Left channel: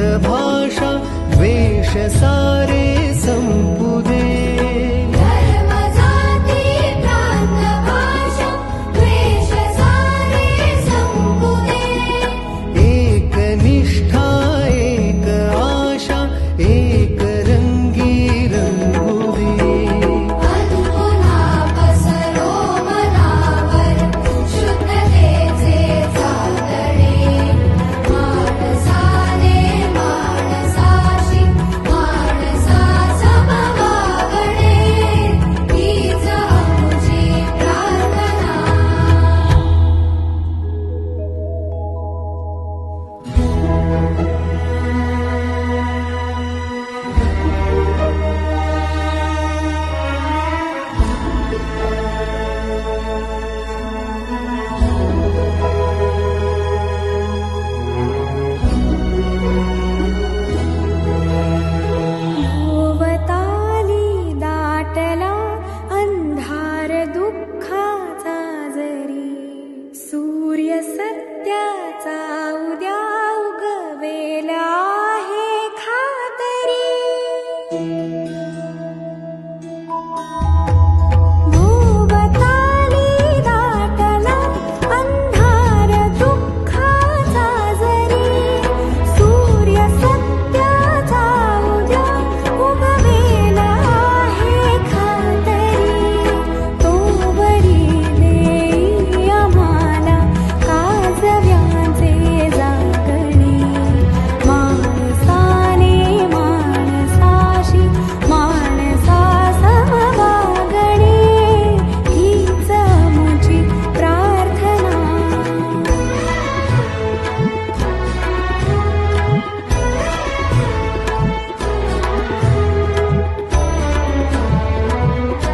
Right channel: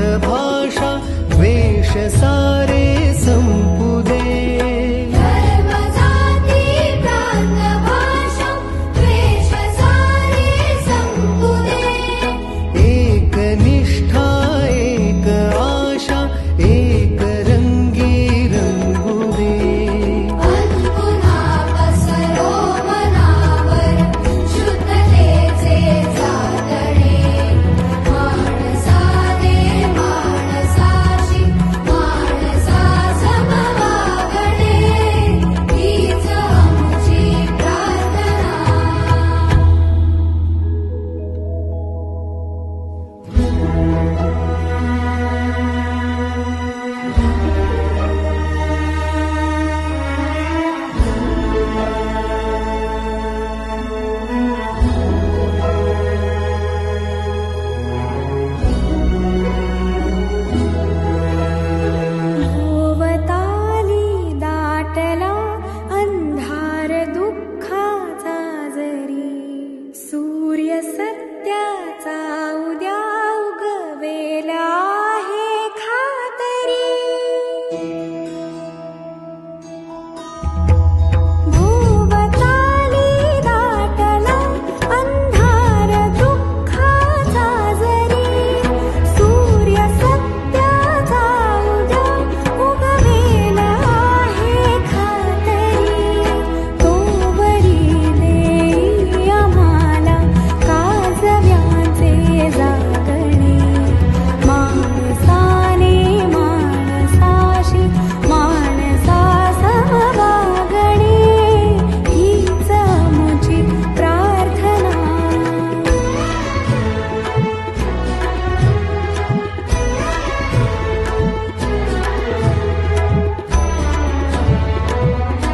भाषा वेश सारे सम्पुदे एकनिष्ठा एक निष्ठा एक आशा एक